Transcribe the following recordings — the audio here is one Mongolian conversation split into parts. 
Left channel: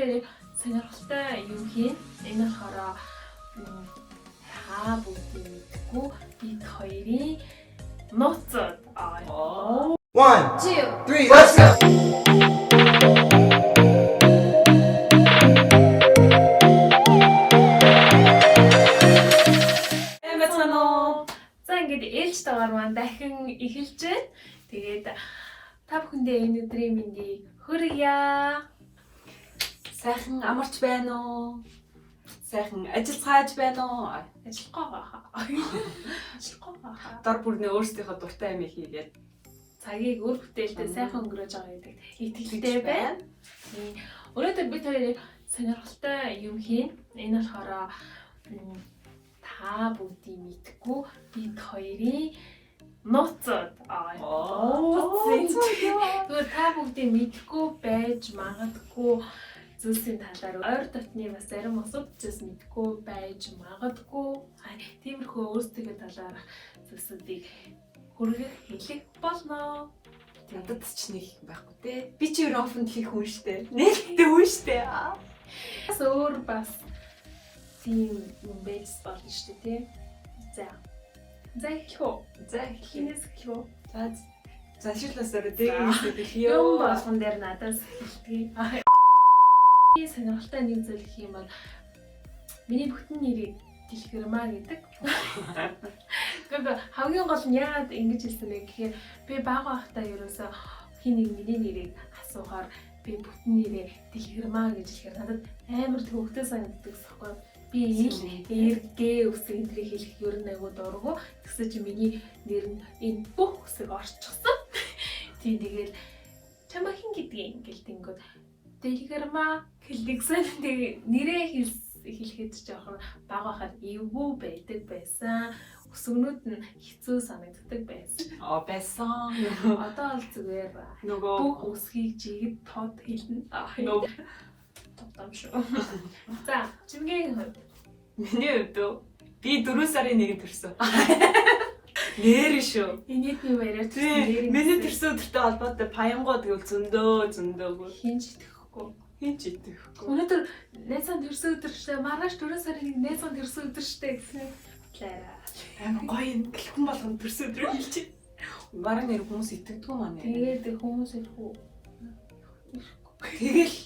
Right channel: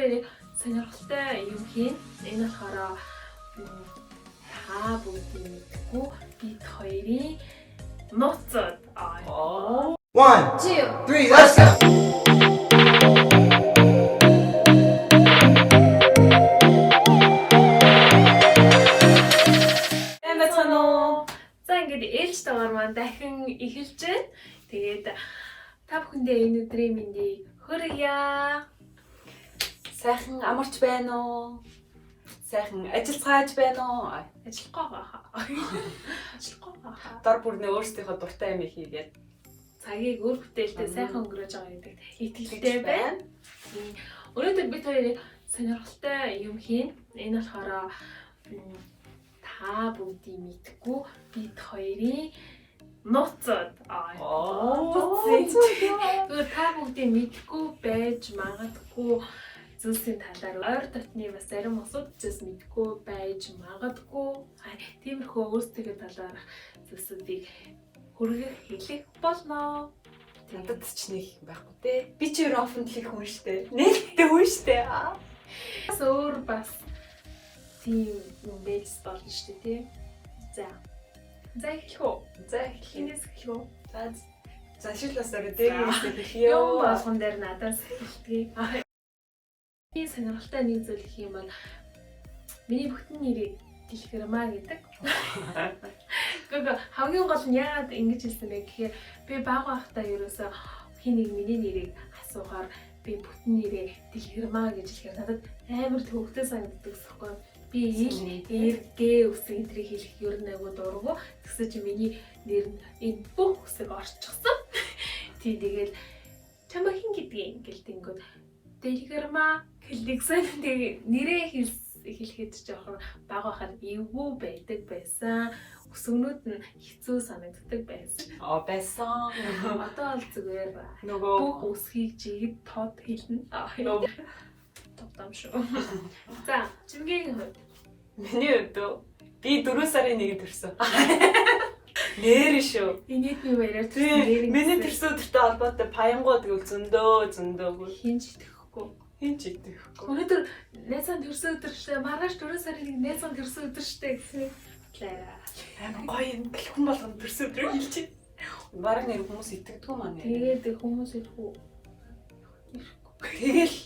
хоёрын сонирхолтой юм хийн. Энэ болохоор та бүгд мэдгүй бид хоёрын нууцуд. 1, 2, 3, let's go! За ингээд ээлж тагаар маань дахин эхэлж байна. Тэгээд та бүхэндээ энэ өдрийн мэндийг хүргье. Сайхан амарч байна уу? Сайхан ажиллацгааж байна уу? Ажиллахгүй байгаа. Ажиллахгүй байгаа. Дор бүрнээ өөрсдийнхөө дуртай юм хийгээд Цагийг өөр бүтээлтэй сайхан өнгөрөөж байгаа гэдэг итгэлтэй байна. Өнөөдөр бид хоёрын сонирхолтой юм хийн. Энэ болохоор та бүгдийг мэдгүй бид хоёрын нууцуд. Тэгвэл та бүгдийг мэдгүй байж магадгүй зүйлсийн талаар ойр дотны бас зарим асуудал зүйлс мэдгүй байж магадгүй. Тиймэрхүү өөрсдөө талаарх зүйлсүүдийг хүргэх хэлэх болно. надад ч нэг юм байхгүй те. Би ч өөр оффонд хийх хүн штэ. Нээлттэй хүн штэ. Бас өөр бас тийм юм байж болно шүү дээ, тий. За эхлэх үү? За Хинээс эхлэх үү? за шилбасаараа дээрээс хэлье. Юм болгон дээр надаас эхэлтгий. Би сонирхолтой нэг зүйл гэх юм бол миний бүтэн нэрийг Дэлгэрмаа гэдэг. Гэхдээ хамгийн гол нь яагаад ингэж хэлсэн бэ гэхээр би бага байхдаа ерөөсөө хин нэг миний нэрийг асуухаар би бүтэн нэрээ Дэлгэрмаа гэж хэлэхээр надад амар төвөгтэй санагддаг гэхгүй. Би эргээ үсэг энтрийг хэлэх ер нь айгүй дургу. Тэгсэн чи миний нэр нь энэ бүх үсэг орчихсон. Тийм тэгэл чамаа хин гэдгийг ингээл тэнгүүд Дэлгэрмаа хэлдэгсэн. Тэгээ нэрээ хэлэхэд жоохон бага байхад эвгүй байдаг байсан. Өсгнүүд нь хэцүү санагддаг байсан. Байсан. Одоо бол зүгээр нөгөө бүх үсгийг жигэд тод хэлнэ. Тогтом шүү. За, чимгийн хувьд. миний хувьд би 4 сарын 1-нд төрсөн. Нэр шүү. Энийг би яриад нэр Миний төрсөн өдөртэй холбоотой паянгууд гэвэл зөндөө хинж итгэхгүй. хин ч идэхгүй. Өнөөдөр найзан төрсөн өдөр штэ, маргааш 4 сарын 1 найзан төрсөн өдөр штэ гэсэн талаараа. Амар гоё юм. Хүн болгоно төрсөн өдрөө хэлчих. Бараг нэр хүмүүс итгэдэггүй маань. Тэгээд хүмүүс ирэхгүй. Тэгэл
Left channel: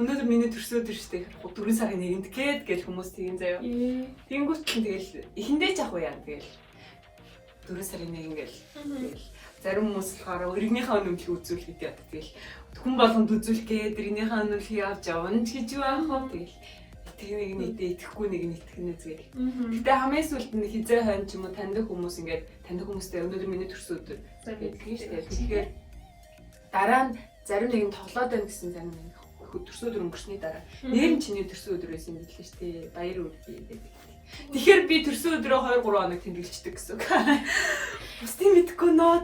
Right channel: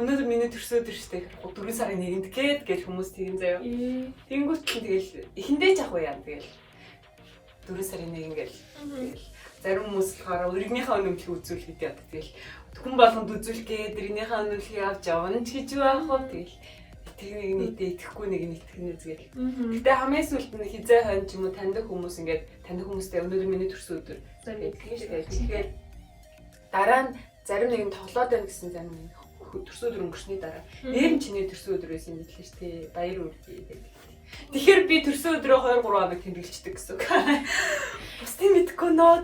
өнөөдөр миний төрсөн өдөр штэ. 4 сарын 1-нд гээд хүмүүс тийм заяа. Тэнгүүт нь тэгэл эхэндээ ч ах уу яа тэгэл 4 сарын 1 ингээл зарим хүмүүс болохоор өргөнийхөө өнөмлөхийг үзүүлэх гэдэг яа. Тэгэл хүн болгонд үзүүлэх гээд өргөнийхөө өнөмлөхийг авч явна ч гэж байгаа юм. Тэгэл тийм нэг итгэхгүй нэг итгэнэ зэрэг. Гэтэ хамгийн сүүлд нь хизээ хойно ч юм уу таньдаг хүмүүс ингээд таньдаг хүмүүстэй өнөөдөр миний төрсөн өдөр тэгээд дараа нь зарим нэг нь тоглоод байна гэсэн зарим нэг төрсөн өдөр өнгөрсний дараа нэр нь чиний төрсөн өдөр байсан юм билээ шүү дээ. Баяр үргэлж байдаг. Тэгэхээр би төрсөн өдрөө 2-3 хоног тэмдэглэждэг гэсэн үг. Бас тийм мэдэхгүй нөө.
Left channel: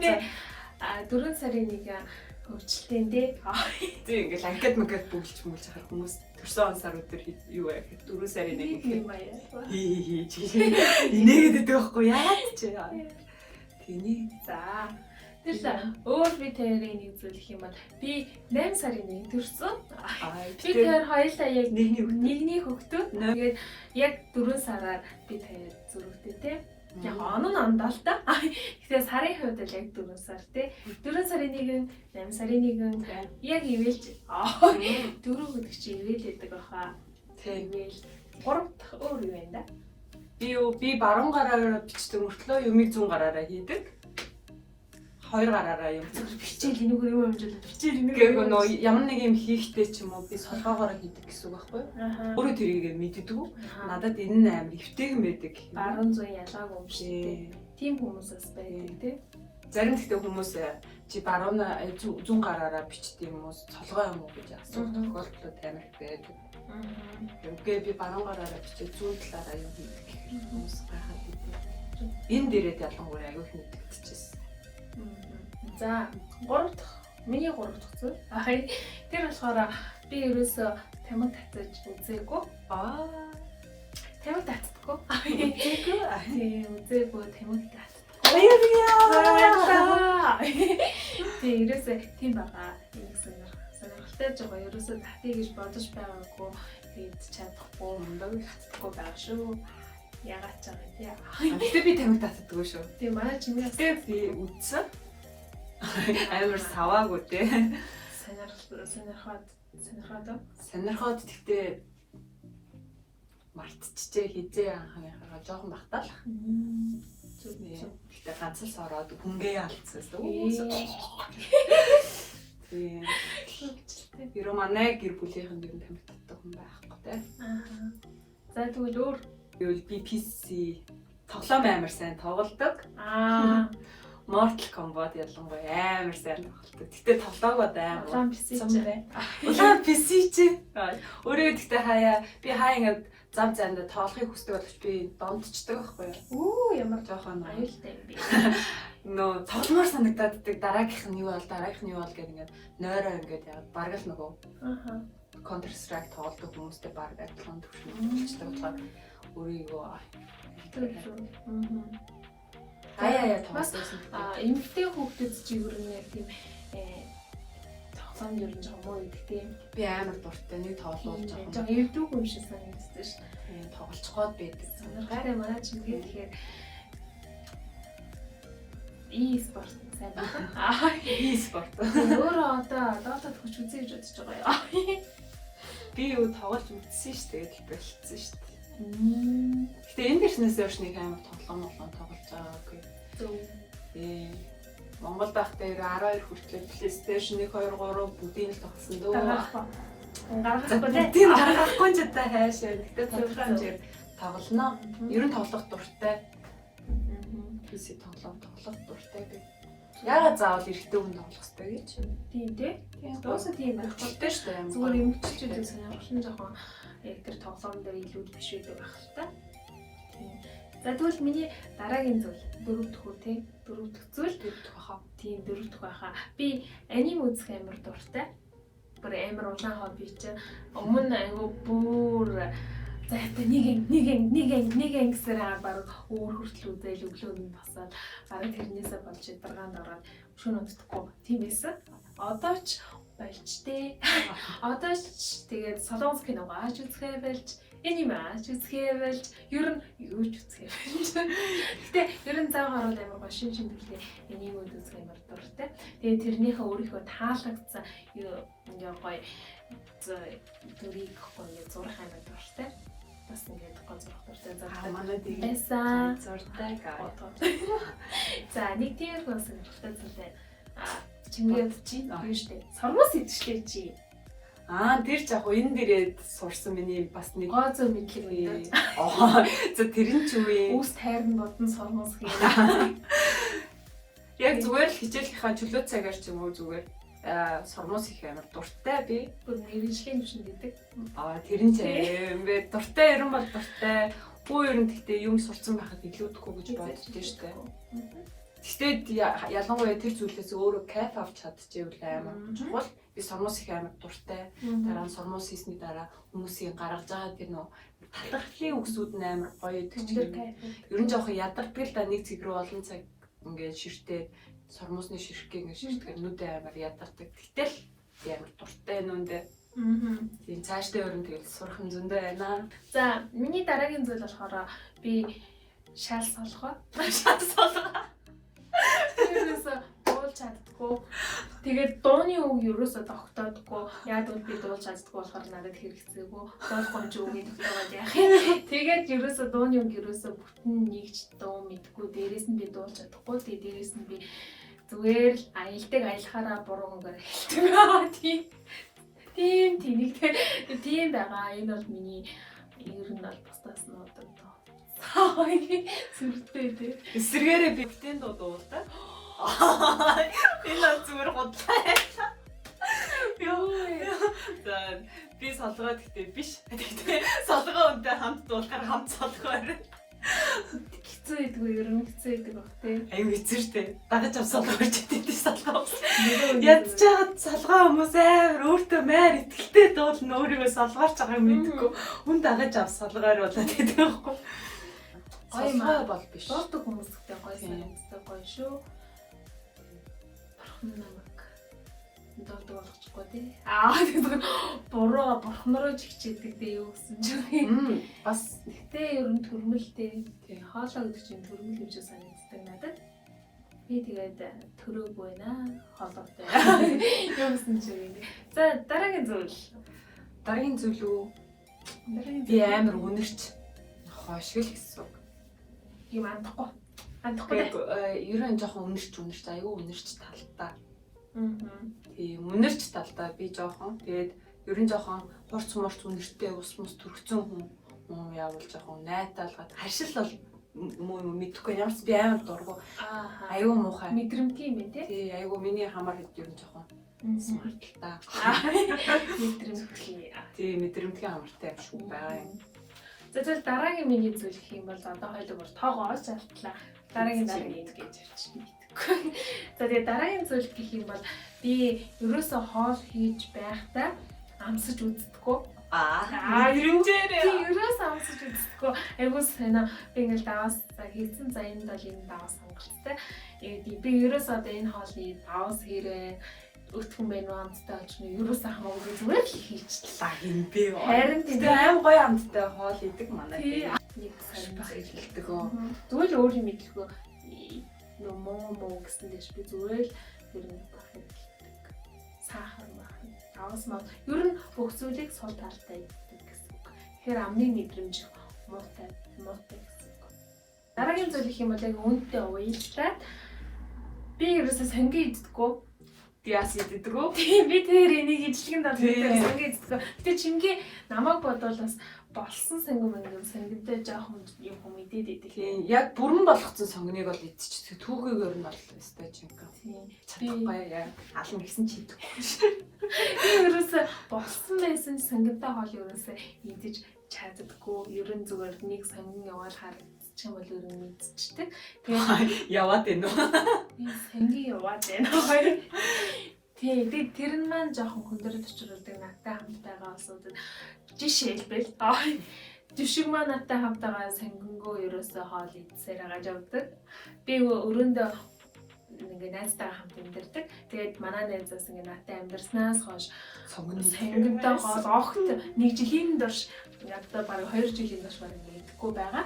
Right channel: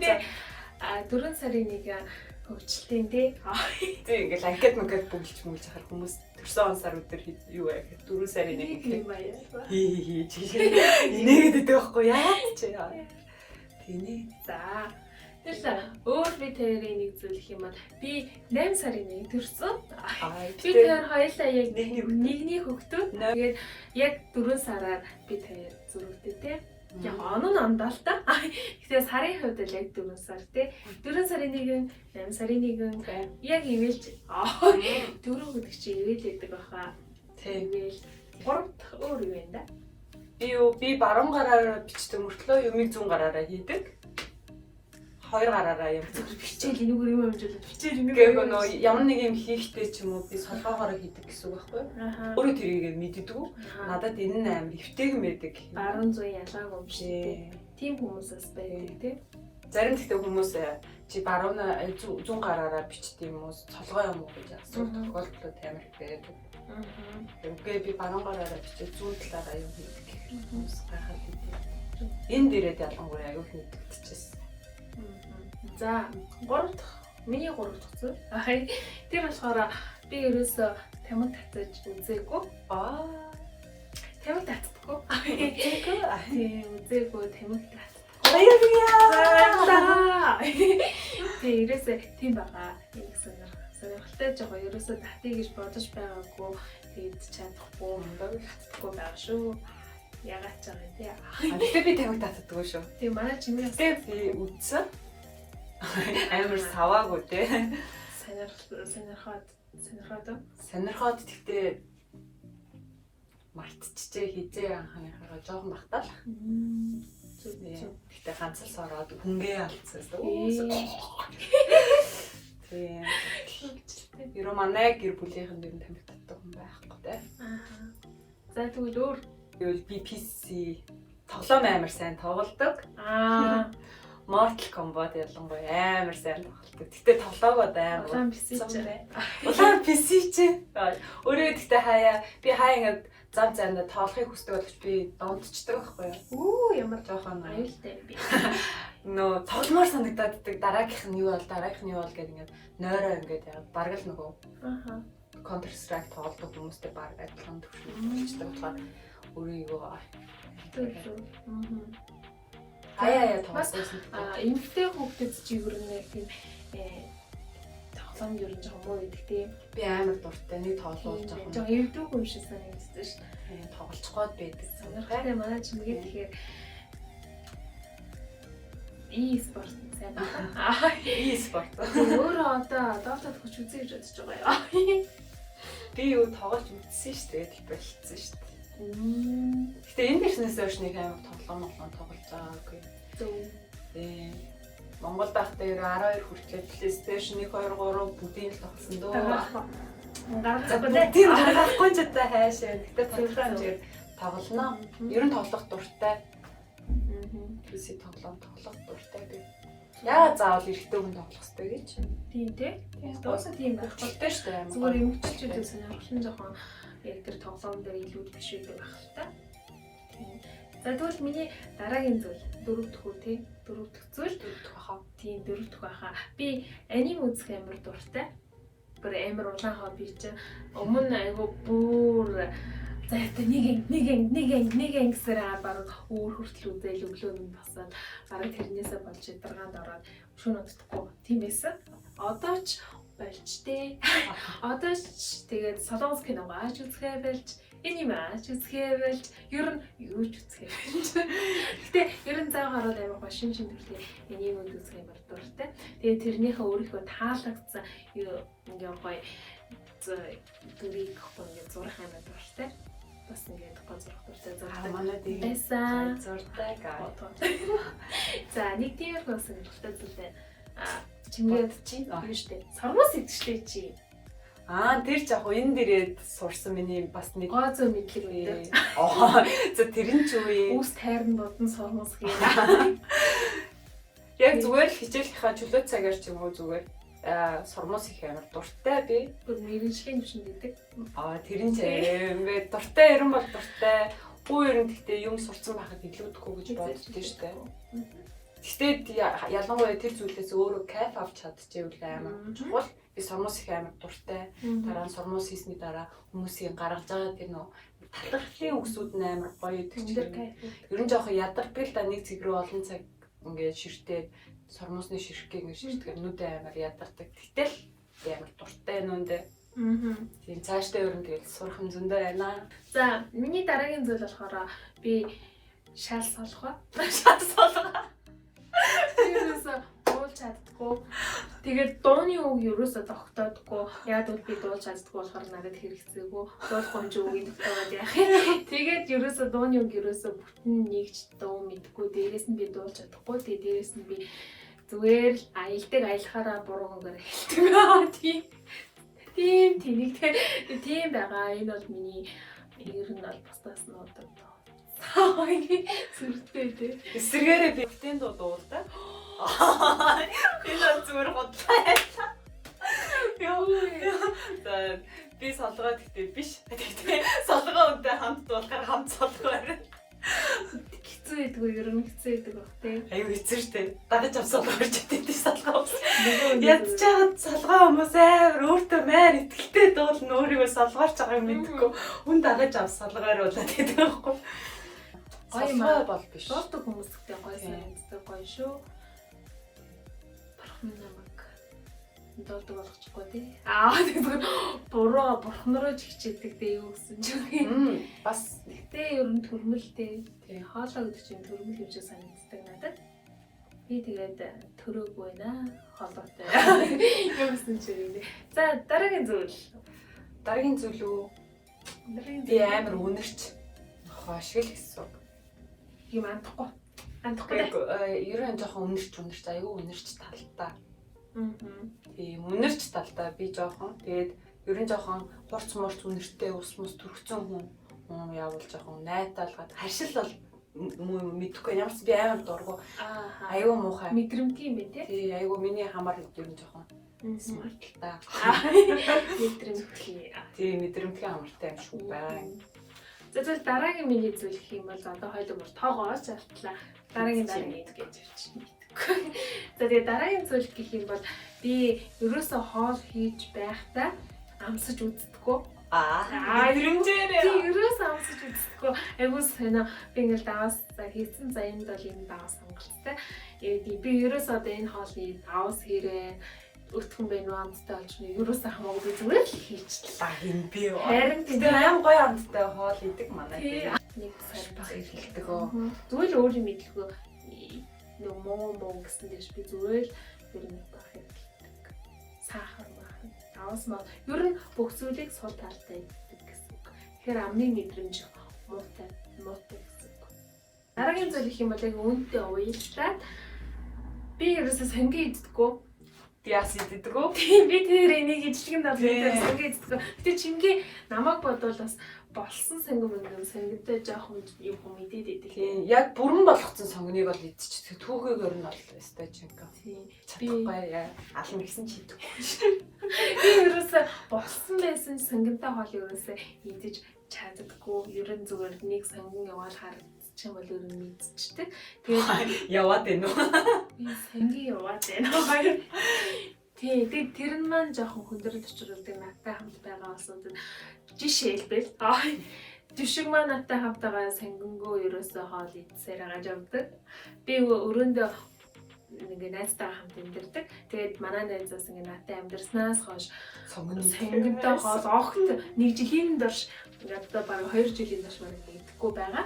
4 сарын 1 хөвчлөлтийн тий. Тийм ингээл анкет магад бүгэлж харах хүмүүс төрсөн он сар өдөр юу вэ гэхэд 4 сарын 1 юм аа. инээгээд байдаг байхгүй яа ч. Тэний За. Тэгэхээр өөр би тэрийн нэг зүйл гэх юм бол би 8 сарын 1 төрсөн. Би тэр хоёулаа яг нэгний хөвгтүүд. Тэгээд яг 4 сараар би тэр зүрхтэй тий. Яг он нь ондоо л та. Тэгэхээр сарын хувьд л яг 4 сар тий. 4 сарын 1, 8 сарын 1 яг ивэлж 4 гэдэг чи ивэл гэдэг баха. Ивэл 3 дахь өөр юу вэ да? би баруун гараараа бичдэг мөртлөө юмыг зүүн гараараа хийдэг. 2 гараараа юм бичээл энийг юу хэмжүүлээд бичээл энийг гэвэл нөө ямар нэг юм хийхдээ ч юм уу би солгоогоор хийдэг гэсэн үг байхгүй юу? Өөрөө тэрийг мэддэггүй. Надад энэ нь амар хэвтэйгэн байдаг. Баруун зүүн ялгаагүй юм шиг. Тийм хүмүүсээс байдаг тий. Зарим тэгтээ хүмүүс чи баруун зүүн гараараа бичдэг юм уу солгоо юм уу гэж асуух тохиолдлууд амар байдаг. Үгүй би баруун гараараа бичиж зүүн талаараа юм хийдэг хүмүүс байхад байдаг. Энэ дээрээ ялангуяа аюул мэдчихсэн. За 3 дахь миний 3 дахь зүйл. Тэр болохоор би ерөөсөө тамиг татаж үзээгүй. Тамиг татдаггүй. Тийм үзээгүй тамиг татдаггүй. Баярлалаа. Тийм ерөөсөө тийм байгаа. Нэг сонирхолтой сонирхолтой жоо ерөөсөө татъя гэж бодож байгаагүй тэгээд чадахгүй татдаггүй байгаа шүү. Ягаад ч байгаа тийм. Гэтэ би тамиг татдаггүй шүү. Тийм манай чимээ Гэтэ би үдсэн. Амар саваагүй те. Сонирхоод тэгтээ мартчихжээ хизээ анхааныхаа жоохон багтаал. Тэгтээ ганцхан сороод хүнгээ алдсан. Тийм. Ерөө манай гэр бүлийнхэн дэр тамиг татдаг хүн байхгүй те. За тэгвэл өөр би PC тоглоом амар сайн тоглодог. Mortal Kombat ялангуяа амар сайн тоглодог. Гэтэ тоглоогоо амар. улаан PC ч. Улаан PC чи. Өөрөө гэхдээ би хаяа ингээд зам зайнда тоглохыг хүсдэг боловч би дондчдаг байхгүй юу? Ямар жоохон аюултай би. Нөө тогломоор санагдаад дараагийнх нь юу бол гэдэг ингээд нойроо ингээд яагаад бараг л нөгөө Counter Strike тоглодог хүмүүстэй бараг адилхан төвшөлтэй болохоор өөрийгөө хаяа тоглосон. Эмэгтэй хүүхдэд чи ер нь яг тийм тоглоом ер нь жоохон муу гэдэг тийм. Би амар дуртай нэг тоглоулж байгаа. Жоохон эвдүүг юм шиг санагддаг шүү дээ. Тоглолцоход байдаг. Сонирхолтой манай чимгээ тэгэхээр e-sport сайн байна. E-sport. Өөрөө одоо доотод хүч үзье гэж бодож байгаа юм. Би юу тоглож үзсэн шүү дээ. Тэгээд болчихсон шүү дээ. Гэтэ энэ дэшнээс хойш нэг амар тоглоом тоглож байгаагүй. Монгол дахтай 12 хүртэл PlayStation 1 2 3 бүгдийг л тоглосон дөө. Гаргахгүй дээ. Тийм гаргахгүй ч одоо хайшаа. Гэтэ тодорхой хэмжээр тоглоно. Ер нь тоглох дуртай. PC тоглох дуртай би. Яа заавал эрэгтэй хүн тоглох хэрэгтэй гэж. Тийм тий. Дуусаа тийм байх болтой шүү дээ. Зүгээр эмэгтэйчүүдийн сонирхол нь жоохон яг тэр тоглоом дээр илүү биш байдаг байх л та. Тийм. За тэгвэл миний дараагийн зүйл дөрөв дэх үү тий? Дөрөв дэх зүйл хаа. Тийм дөрөв дэх байхаа. Би аним үзэх амар дуртай. Бүр амар улаан хобби чи. Өмнө айгу бүр зайтай нэг гэсээр баг өөр хүртэл үзэл өглөө нь басаад бараг тэрнээсээ болж ядаргаанд ороод шөнө унтдаггүй тийм байсан. Одоо ч болж тээ. Одоо ч тэгээд солонгос киног ааж үзэхээ болж аниме ааж үзэхээ болж ер нь юу ч үзэхээ болж. Гэтэ ер нь цаа гараад амар гоё шин төлөв аниме үзэх амар дуртай. Тэгээд тэрнийхээ өөрийнхөө таалагдсан ингээ гоё төрийг гоё зурх амар дуртай. Бас ингээд гоё зурх дуртай зурхтай манай дэг байсан. Зуртай гоо. За нэг тийм бас дуртай зүйлээ чимгээд чи юу штэ. Сормос идчихлээ чи. Тэр ч яг энэ дээрээ сурсан миний бас нэг гоо зөө мэдлэг үү. За тэр нь ч юм уу. Үүс тайрн бодон сормос хийн. Яг зүгээр л хичээлийнхаа чөлөө цагаар ч юм уу зүгээр сормос их амар дуртай би. Бүр мэрэгжлийн төвшин гэдэг. Тэр нь ч ингээд дуртай ерөн бол дуртай. Бүү ерөн гэхдээ юм сурцсан байхад илүүдэхгүй гэж боддог шүү дээ. Гэхдээ ялангуяа тэр зүйлээс өөрөө кайф авч чадчихвэл амар чухал. Би сормос их амар дуртай. Дараа нь сормос хийсний дараа хүмүүсийн гаргаж байгаа тэр нөө татгалын үгсүүд нь амар гоё гэдэг. Ер нь жоохон ядардаг л да нэг цэг рүү олон цаг ингээд ширтээд сормосны ширхэг ингээд ширтгэр нүдэ амар ядардаг. Гэтэл амар дуртай нүндээ. Тийм цаашдаа ер нь тэгэл сурах юм зөндөө байна. За миний дараагийн зүйл болохоор би шал солгоо. Ерөөсөө дуулж чаддгүй. Тэгээд дууны үг ерөөсөө тогтоодгүй. Яг бол би дуулж чаддгүй болохоор надад хэрэгцээгүй. Дуулахгүй ч үгийн тогтоогод яах юм. Тэгээд ерөөсөө дууны үг ерөөсөө бүтэн нэгж дуу мэдгүй. Дээрээс нь би дуулж чадахгүй. Тэгээд дээрээс нь би зүгээр л аялдаг аялахаараа буруу үгээр хэлдэг. Тийм тийм байгаа. Энэ бол миний ер нь бол бусдаас нь одоо сүртэй тий. Эсвэргээрээ би бүтэн дуу дуулдаг. Энэ зүгээр бодлоо. Би солгоо гэхдээ биш. Тэгтээ солгоо үнтэй хамт дуулахаар хамт солгоор. Хэцүү байдгүй ер нь хэцүү байдаг бах тий. Аюу хэцүү штэ. Дагаж авсан болж идэв солгоо. Ядж чаад солгоо хүмүүс амар өөртөө маяр итгэлтэй дуулна өөрийгөө солгоорч байгаа юм мэдгүй. Хүн дагаж авсан солгоор болоод идэв байхгүй. Гоё маа бол биш. Дуулдаг хүмүүстэй гоё санагддаг гоё шүү. Бархан намайг доодог болгочихгүй тий. Тэгэхээр бурхан руу чигчээдэг дээ юу гэсэн чинь. Бас Гэтэ ер нь төрмөлтэй. Тэгээ хоолоо гэдэг чинь төрмөл юм шиг санагддаг надад. Би тэгээд төрөөгүй байна. Хоолойтой. Юу гэсэн чинь. За дараагийн зүйл үү? Би амар үнэрч хошгил гэсэн. Юм андахгүй. Андахгүй дээ. Ер нь жоохон үнэрч аюу үнэрч талтай. Тийм үнэрч талтай би жоохон. Тэгээд ер нь жоохон хурц мурц үнэртэй ус төрөгцөн хүн явуулж жоохон найтаалгаад хашил бол мэдхгүй ямарч би амар дургу. Аюу муухай. Мэдрэмтгий юм бэ тий? Тий аюу миний хамаар ер нь жоохон смарттай. Мэдрэмтгий. Тий мэдрэмтгий амартай юм шиг байгаа юм. За тэгэл дараагийн миний зүйл гэх юм бол одоо хоёул бүр тоогооч алтлаа. Дараагийн гэж явчихна. За тэгээ дараагийн зүйл гэх юм бол би ерөөсөө хоол хийж байхдаа амсаж үздэггүй. Ирэмжээрээ. Тий ерөөсөө амсаж үздэггүй. Айгуу санаа би ингээл даваас хийсэн за энэ бол энэ даваас сонголттой. Би ерөөсөө одоо энэ хоолны даваас хэрэг өтгөн байна уу амттай очно ерөөсөө хамаагүй би зүгээр л хийчихлээ. Энэ би харин тийм аим гоё амттай хоол идэг манай. Нэг сайн баг хэлдэг. Зүгээр л өөрөө мэдлгүй нөө моо гэсэн дэш би зүгээр л ер нь байх юм. Сахар мах. Даваас маа ер нь бүх зүйлийг сул талтай иддэг гэсэн үг. Тэгэхээр амны мэдрэмж муутай гэсэн үг. Дараагийн зүйл их юм бол яг үнэтэй уйлаад би ерөөсөө сонги иддэггүй. Яас иддэг үү? Тийм би тэр энийг ижлэгэнд бол сонги иддэггүй. Гэтэ чиний намайг бодвол бас болсон сонгидтой жоохон юм мэдээд идэг. Яг бүрэн болгоцсон сонгиныг бол идчих. Түүхийг өөр нь бол өстой чинка. Тийм. Чадахгүй яа. Алан гэсэн чи идэв. Би ерөөсөө болсон байсан сонгидтой хоол ерөөсөө идэж чаддаггүй. Ер нь зүгээр нэг сонгин яваад харагдчих юм бол ер нь мэдчихдэг. Тэгээд яваад байна уу? би сонгин яваад байна. Тий, тэр нь маань жоохон хүндрэл учруулдаг надтай хамт байгаа улсууд жишээлбэл Жишг маань надтай хамт байгаа сонгингоо ерөөсөө хоол идсээр агаж явдаг. Би өрөөндөө ингээ найзтайгаа хамт амьдардаг. Тэгээд манай найзаас ингээ надтай амьдарснаас хойш сонгинтой хоол огт нэг жилийн турш одоо бараг 2 жилийн турш бараг идэхгүй байгаа.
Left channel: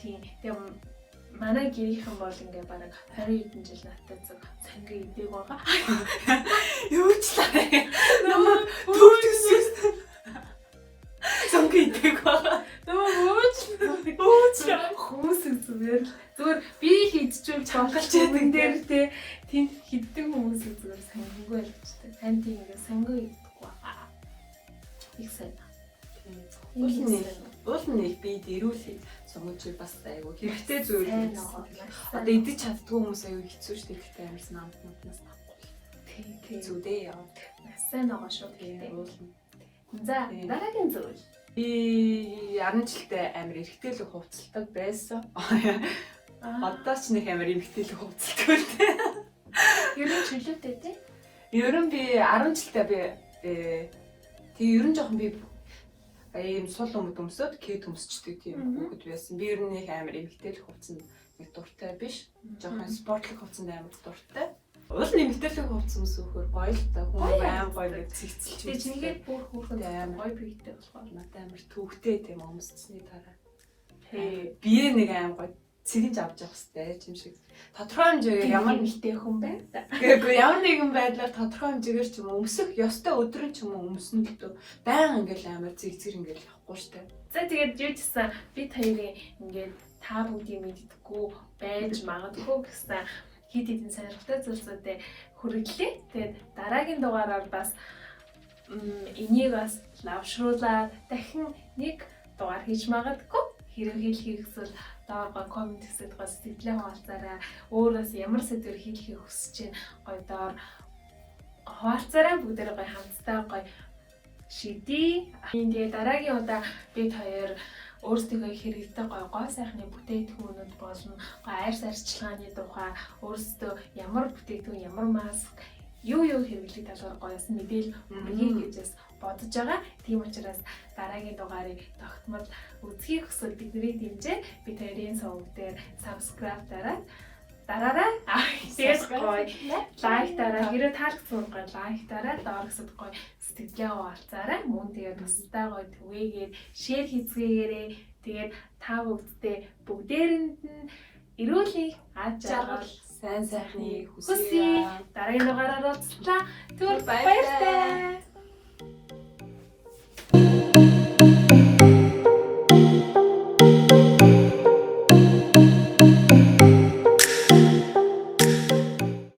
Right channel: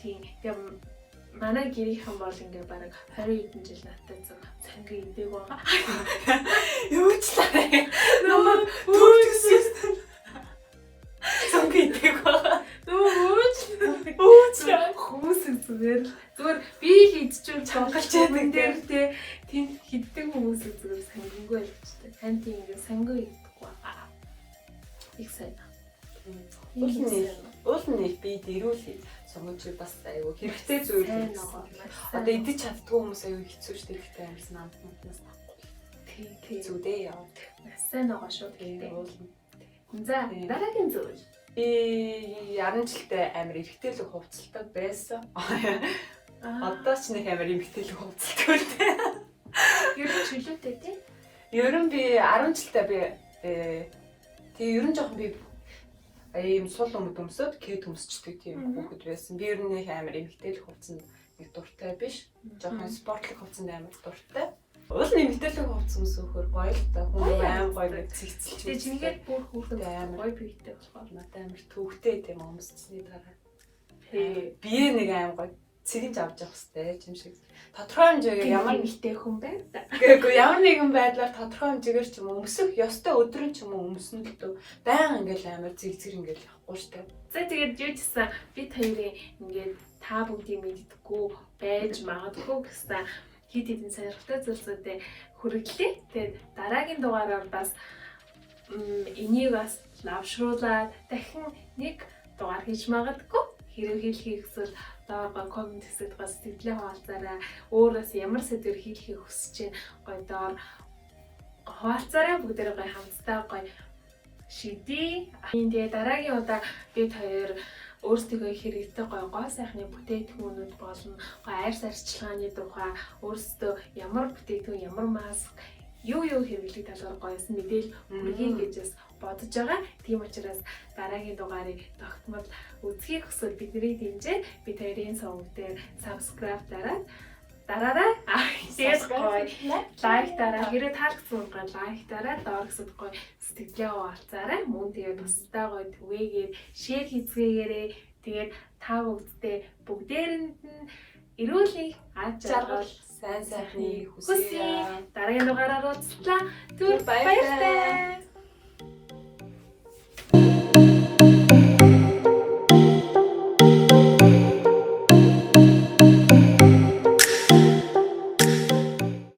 Тийм. Тэгээд манай гэрийнхэн бол ингээ бараг 20 хэдэн жил надтай зөв сонгин идэг байгаа. Юу ч лаа. Намайг түүхсэн. Сонгин идэг байгаа. Өөч хүмүүс зүгээр би л идчихвэл цонголч юм дээр тийм хиддэг хүмүүс зүгээр сонгингүй байлгчтай. Тань тийм ингээ сонгин идэггүй байгаа. Их сайн. Уулын би дэрүүлээ. Сонгинч бас айгүй хэрэгтэй зүйл. Одоо идэж чаддгүй хүмүүс айгүй хэцүү шүү дээ. Хэрэгтэй амьсан амтнаас авахгүй. Тийм зүудээ яваад. Сайн байгаа шүү дээ. За дараагийн зүйл. Би 10 жилдээ амар эргэжлэх хувцалдаг байсан. Одоо ч нэг амар эргэжлэх хувцалдаг үлдээ. Ер нь чөлөөтэй тий? Ер нь би 10 жилдээ тэгээ ер нь жоохон би ийм сул өмсөд кэд өмсчдэг тийм хүүхэд байсан. Би ер нь нэг амар эргэжлэх хувцанд нэг дуртай биш. Жоохон спортлог хувцанд амар дуртай. Уулын эмгтээлэг хувцас өмсөхөөр гоё л та. Аим гоё нэг цэцэлж. Тэгээ чингээд бүр хүүхэд гоё бийтэй болохоор надад амар төвхтэй тийм өмсчсний дараа. Би нэг аим гоё цэгэнж авч явах хэрэгтэй юм шиг. Тодорхой хэмжээгээр ямар эмгтэй хүн байна да. Гэхдээ ямар нэгэн байдлаар тодорхой хэмжээгээр ч юм уу өмсөх ёстой өдрөн ч юм уу өмснө л дөө. Баян ингээл амар зэг ингээл явахгүй штэ. За тэгээд юу ч гэсэн бид хоёрын ингээд та бүгдийг мэддэггүй байж магадгүй гэсэн хит хитэн сонирхолтой зүйлсүүдэд хүргэлээ. Тэгээд дараагийн дугаараар бас энийг бас лавшруулаад дахин нэг дугаар хийж магадгүй. Хэрэг хэлхийг эсвэл доор комент хэсэгт бас сэтгэлээ хуваалцаарай. Өөрөөс ямар сэдвэр хэлхийг хүсэж гоё доор хуваалцаарай. Бүгдээрээ гоё хамтдаа гоё шидэе. Тэгээд дараагийн удаа бид хоёр өөрсдөө хэрэгтэй гой сайхны бүтээгдэхүүнүүд болон гой арьс арчилгааны тухай өөрсдөө ямар бүтээгдэхүүн ямар маск юу хэрэглэх талаар гоёсэн мэдээлэл өгье гэж бодож байгаа. Тийм учраас дараагийн дугаарыг тогтмол үзхийг хүсвэл бидний дэмжээ. Бид хоёрын сувг дээр subscribe дараад дараарай. Тэгээд гоё лайк дараа. Хэрэв таалагдсан гоё лайк дараа. Доор гэсэд гоё сэтгэлээ хуваалцаарай. Мөн тэгээд бусдаа гоё түгээгээд шеэр хийцгээгээрэй. Тэгээд та бүгдээрэнд нь эрүүл аж аргал сайн сайхны хүсье. Дараагийн дугаараар уулзлаа. Түр баяртай.